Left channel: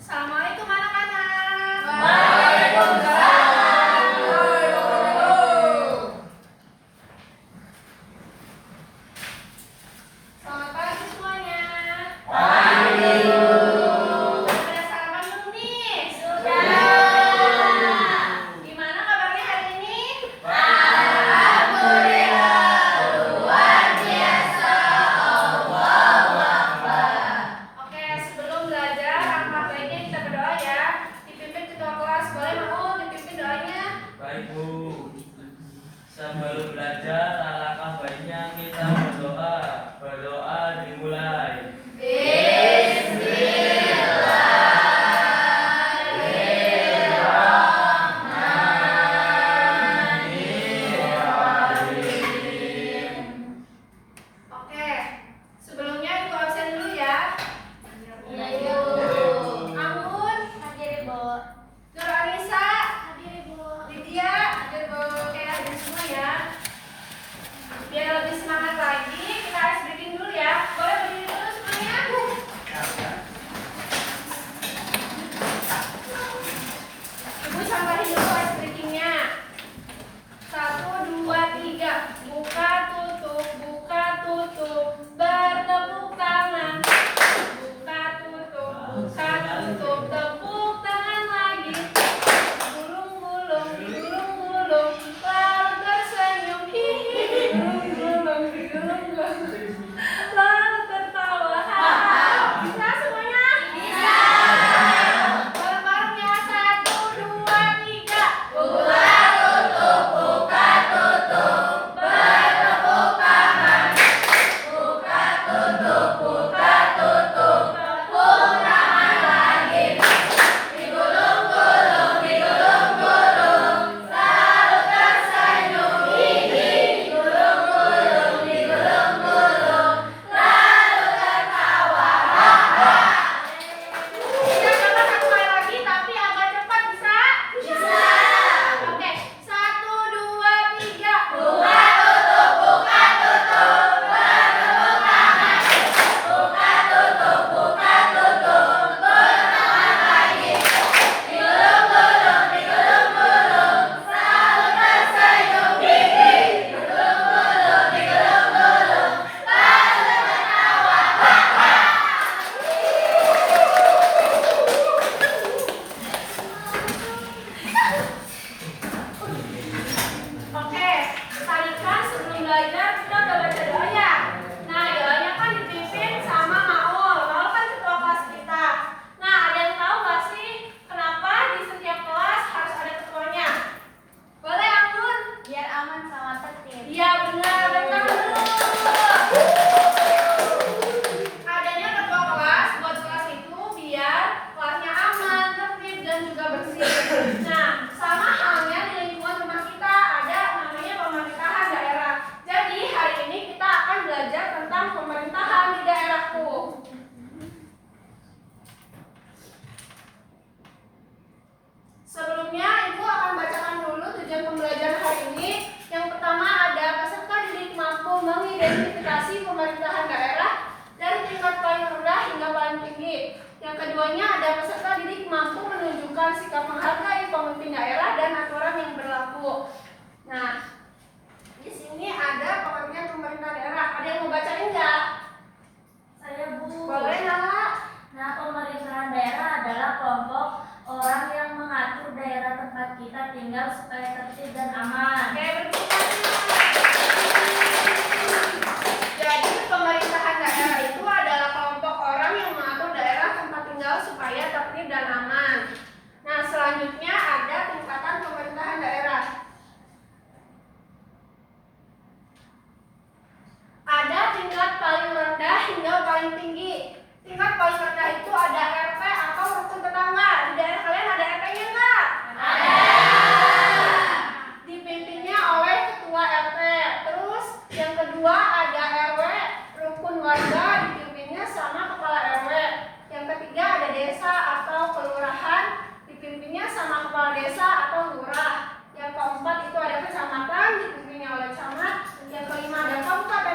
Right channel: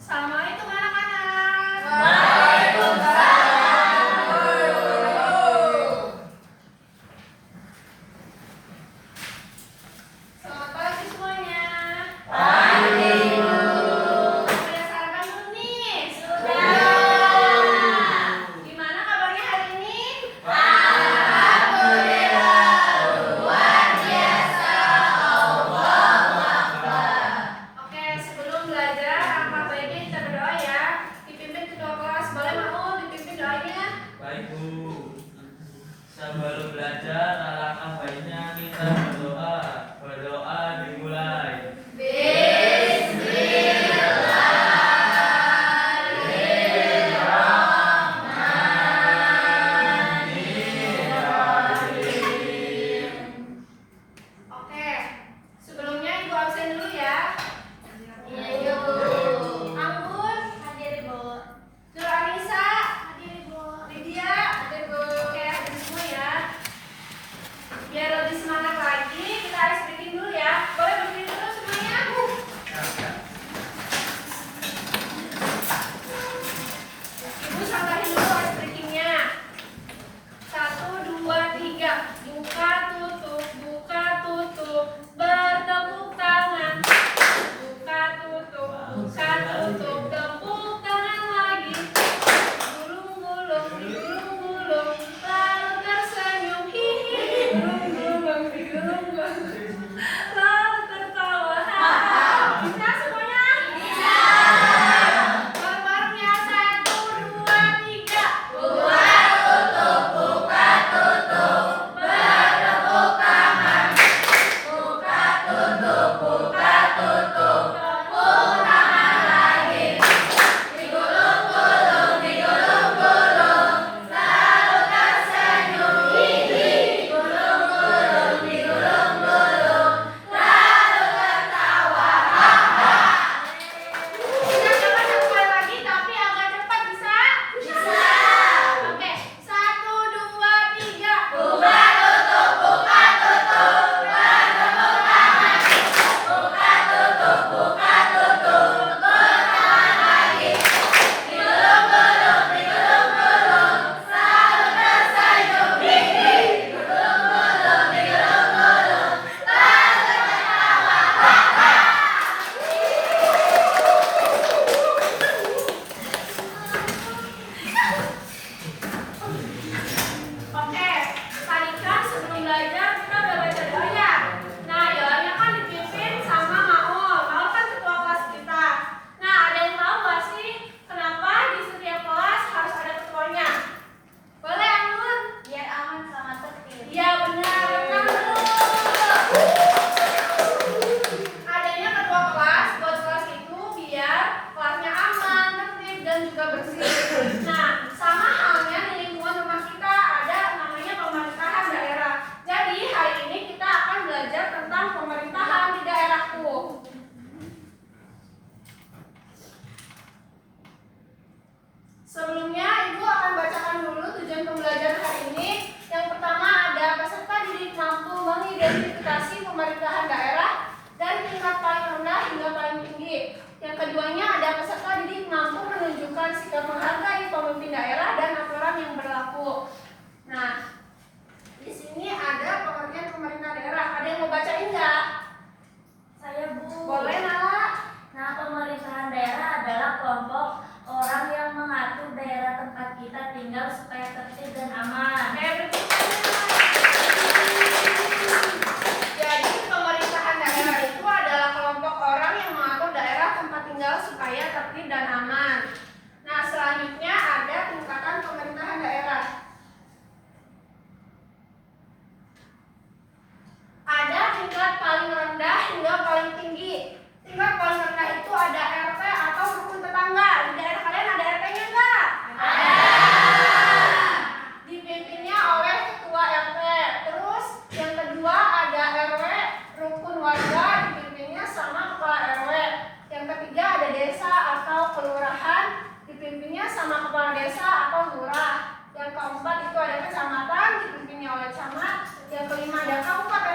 Assalamualaikum anak-anak. Selamat pagi semuanya. Sudah sarapan belum nih? Gimana kabarnya hari ini? Oke, sebelum belajar, alangkah baiknya kita berdoa ya. Dipimpin ketua kelas, boleh mau dipimpin doanya? Baik Bu, sebelum belajar alangkah baiknya kita berdoa. Berdoa dimulai. Oke, sebelumnya ibu absen dulu ya. Anggun, Hadir Ibu. Nur Anissa, Hadir Ibu. Lydia, hadir Bu. Oke, hadir semua ya. Biar lebih semangat lagi, kita ice breaking dulu ya. Boleh berdiri dulu semuanya? Ibu contohin dulu ice breakingnya. 1, 2, 3. Buka tutup, bertepuk tangan. Buka tutup, tepuk tangan lagi. Gulung-gulung, lalu tersenyum, hihi. Gulung-gulung, lalu tertawa, haha. Bisa semuanya? Bisa. Bareng-bareng ya, 1, 2, 3. Kita coba satu kali lagi, tapi agak cepat, bisa? Bisa. Oke, 1, 2, 3. Oke, tadi kan sebelum belajar kita udah baca doa ya. Nah, doanya kan dipimpin sama Maul. Maul kan ketua kelas kita. Nah, ada yang tahu gak sih kenapa di setiap kelas harus ada ketuanya? Boleh, Anggun? Biar aman sama tertib. Iya, benar. Lengkap. Adanya ketua kelas buat kelas itu biar kelasnya aman, tertib, dan juga bersih. Nah, sama halnya di lingkungan rumah kita ada namanya pemerintahan daerah. Jadi hari ini kita akan belajar tentang pemerintahan di daerahku. Sebelumnya Ibu akan bacakan dulu tujuan pembelajaran hari ini. Yang pertama ada peserta didik mampu mengidentifikasi pemerintahan daerah dari tingkat paling rendah hingga paling tinggi. Yang keduanya ada peserta didik mampu menunjukkan sikap menghargai pemimpin daerah dan aturan yang berlaku. Nah, di sini ada pengertian pemerintah daerah. Ada yang mau bacain nggak? Saya Bu. Boleh, Nala? Nah, pemerintahan daerah adalah kelompok orang yang mengatur daerah tempat kita tinggal supaya tertib dan aman. Oke, berbicara. Jadi pemerintahan daerah itu adalah kelompok orang yang mengatur daerah tempat tinggal supaya tertib dan aman. Nah, selanjutnya ada tingkatan pemerintahan daerah. Ada tingkat paling rendah hingga paling tinggi. Tingkat paling rendah itu ada RT atau rukun tetangga. Di daerah kalian ada RT-nya nggak? Ada. Dipimpinnya oleh ketua RT. Terus yang kedua ada RW, rukun warga, dipimpinnya sama kepala RW. Yang ketiga ada desa atau kelurahan, dipimpinnya sama kepala desa atau lurah. Yang keempat itu ada kecamatan, dipimpinnya oleh camat. Yang kelima ada kabupaten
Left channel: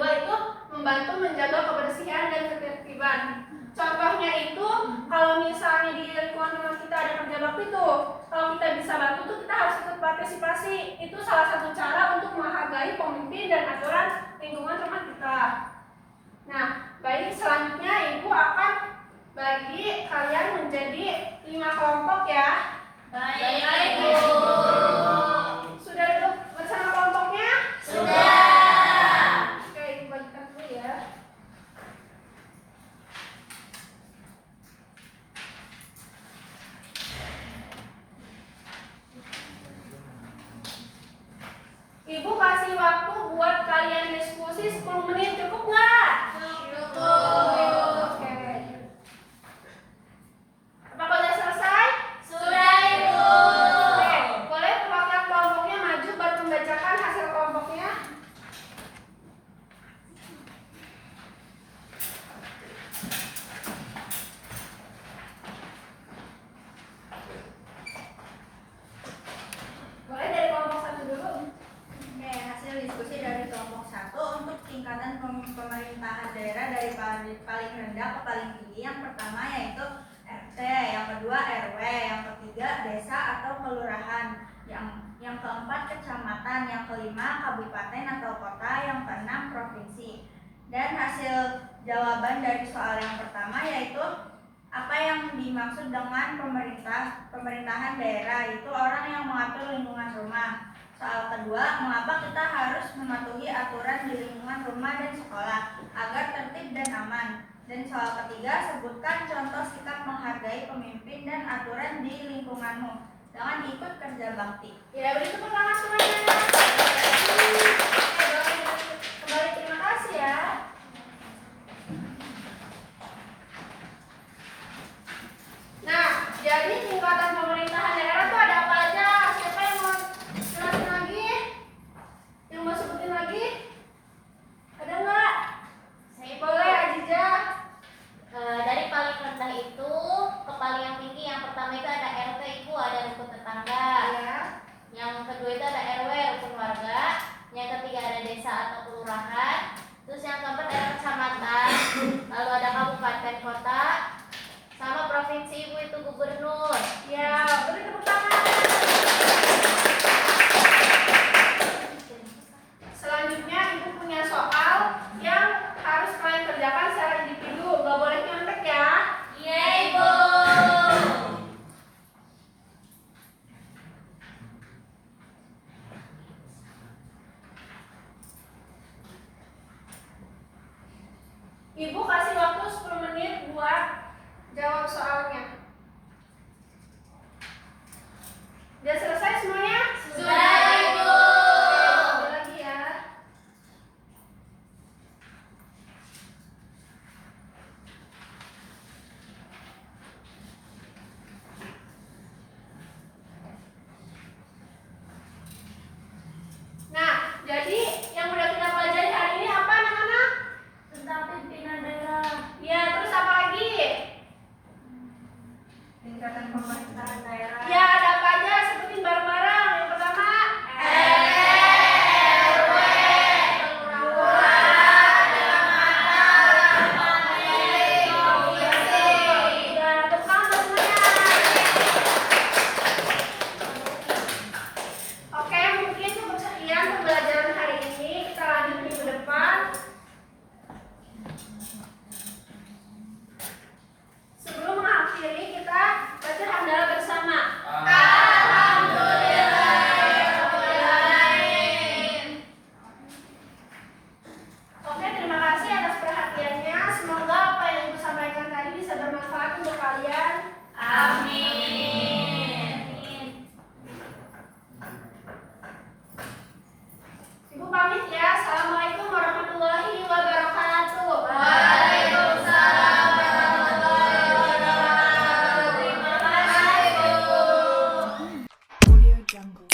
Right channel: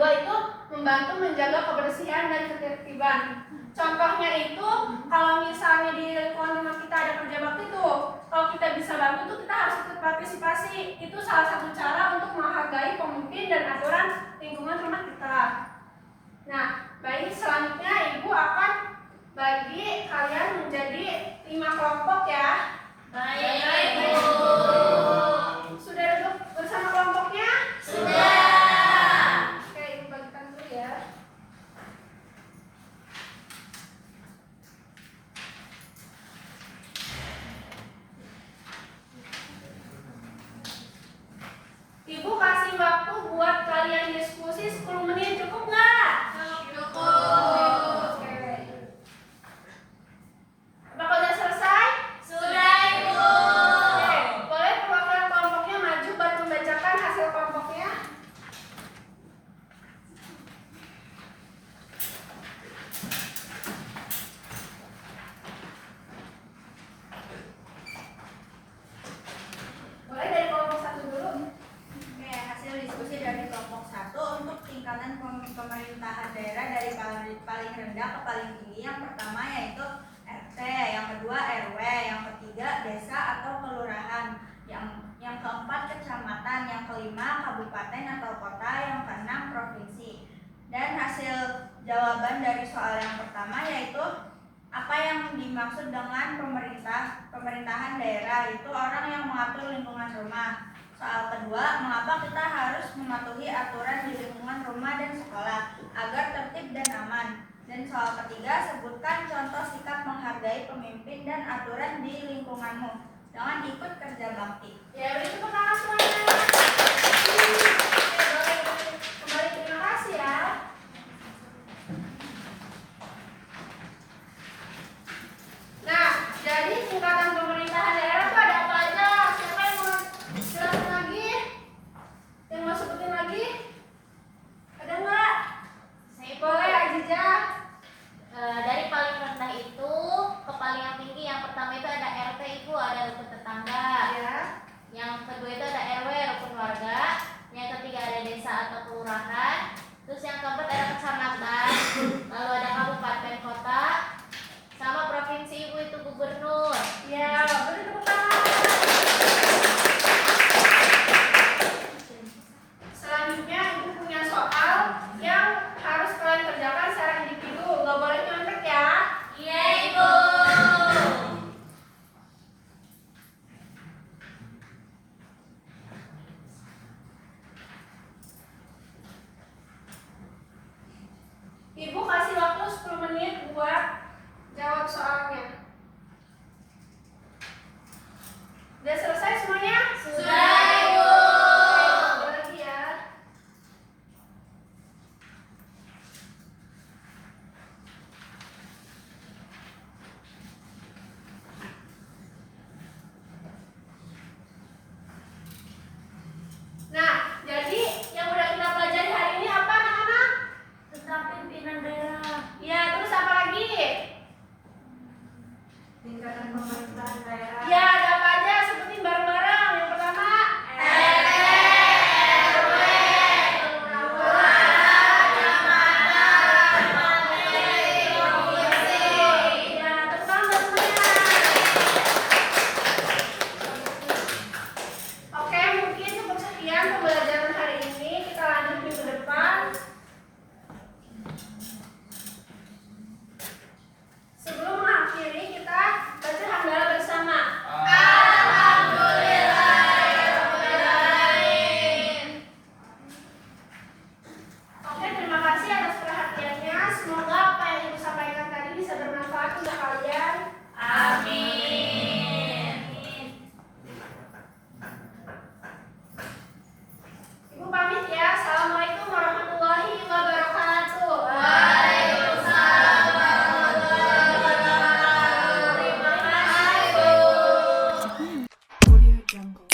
kedua itu membantu menjaga kebersihan dan ketertiban. Contohnya itu kalau misalnya di lingkungan rumah kita ada kerja bakti tuh, kalau kita bisa bantu tuh kita harus ikut partisipasi. Itu salah satu cara untuk menghargai pemimpin dan aturan lingkungan rumah kita. Nah, baik, selanjutnya ibu akan bagi kalian menjadi 5 kelompok ya. Baik, Ibu. Sudah duduk bersama kelompoknya? Sudah. Oke, ibu bagikan dulu ya. Ibu kasih waktu buat kalian diskusi 10 menit, cukup nggak? Cukup. Oke. Apakah sudah selesai? Sudah, Ibu. Oke, boleh perwakilan kelompoknya maju buat membacakan hasil kelompoknya? Boleh dari kelompok satu dulu. Oke, hasil diskusi dari kelompok 1 untuk tingkatan pemerintahan daerah dari paling rendah ke paling tinggi. Yang pertama yaitu RT, yang kedua RW, yang ketiga desa atau kelurahan, yang keempat kecamatan, yang kelima kabupaten atau kota, yang keenam provinsi. Dan hasil jawaban dari soal yang pertama yaitu apa yang dimaksud dengan pemerintahan daerah, itu orang yang mengatur lingkungan rumah. Soal kedua, mengapa kita harus mematuhi aturan di lingkungan rumah dan sekolah agar tertib dan aman. Dan soal ketiga, sebutkan contoh sikap menghargai pemimpin dan aturan di lingkunganmu dengan ikut kerja bakti. Ya, beri tepuk tangan semuanya. Oke, boleh kembali, terima kasih ya. Nah, jadi tingkatan pemerintahan daerah tuh ada apa aja? Siapa yang mau jelasin lagi? Yang mau sebutin lagi? Ada nggak? Saya Boleh, Aziza. Dari paling rendah itu ke paling yang tinggi, yang pertama itu ada RT, itu ada rukun tetangga. Ya. Yang kedua itu ada RW, rukun warga. Yang ketiga ada desa atau kelurahan. Terus yang keempat ada kecamatan. Lalu ada kabupaten kota. Sama provinsi, ibu itu gubernur. Ya, beri tepuk tangan. Selanjutnya ibu punya soal yang harus kalian kerjakan secara individu, nggak boleh nyontek ya. Iya, Ibu. Ibu kasih waktu 10 menit buat jawab soalnya. Udah selesai semuanya? Sudah, Ibu. Oke, ada lagi ya. Nah, jadi yang udah kita pelajari hari ini apa anak-anak? Tentang pimpinan daerah. Ya, terus apa lagi? Tingkatan pemerintahan daerah. Ya, ada apa aja? Sebutin bareng-bareng. Yang pertama, RT, RW, kelurahan, kecamatan, provinsi. ya, tepuk tangan buat semuanya. Oke, mungkin cukup sekian pembelajaran hari ini. Kita lanjut minggu depan. Sebelum mengakhiri, kita baca hamdalah bersama. Oke, terima kasih atas perhatiannya. Semoga apa yang Ibu sampaikan tadi bisa bermanfaat untuk kalian. Amin. Ibu pamit ya. Assalamualaikum warahmatullahi wabarakatuh. Waalaikumsalam warahmatullahi wabarakatuh. Terima kasih, Bu. Audio Jungle.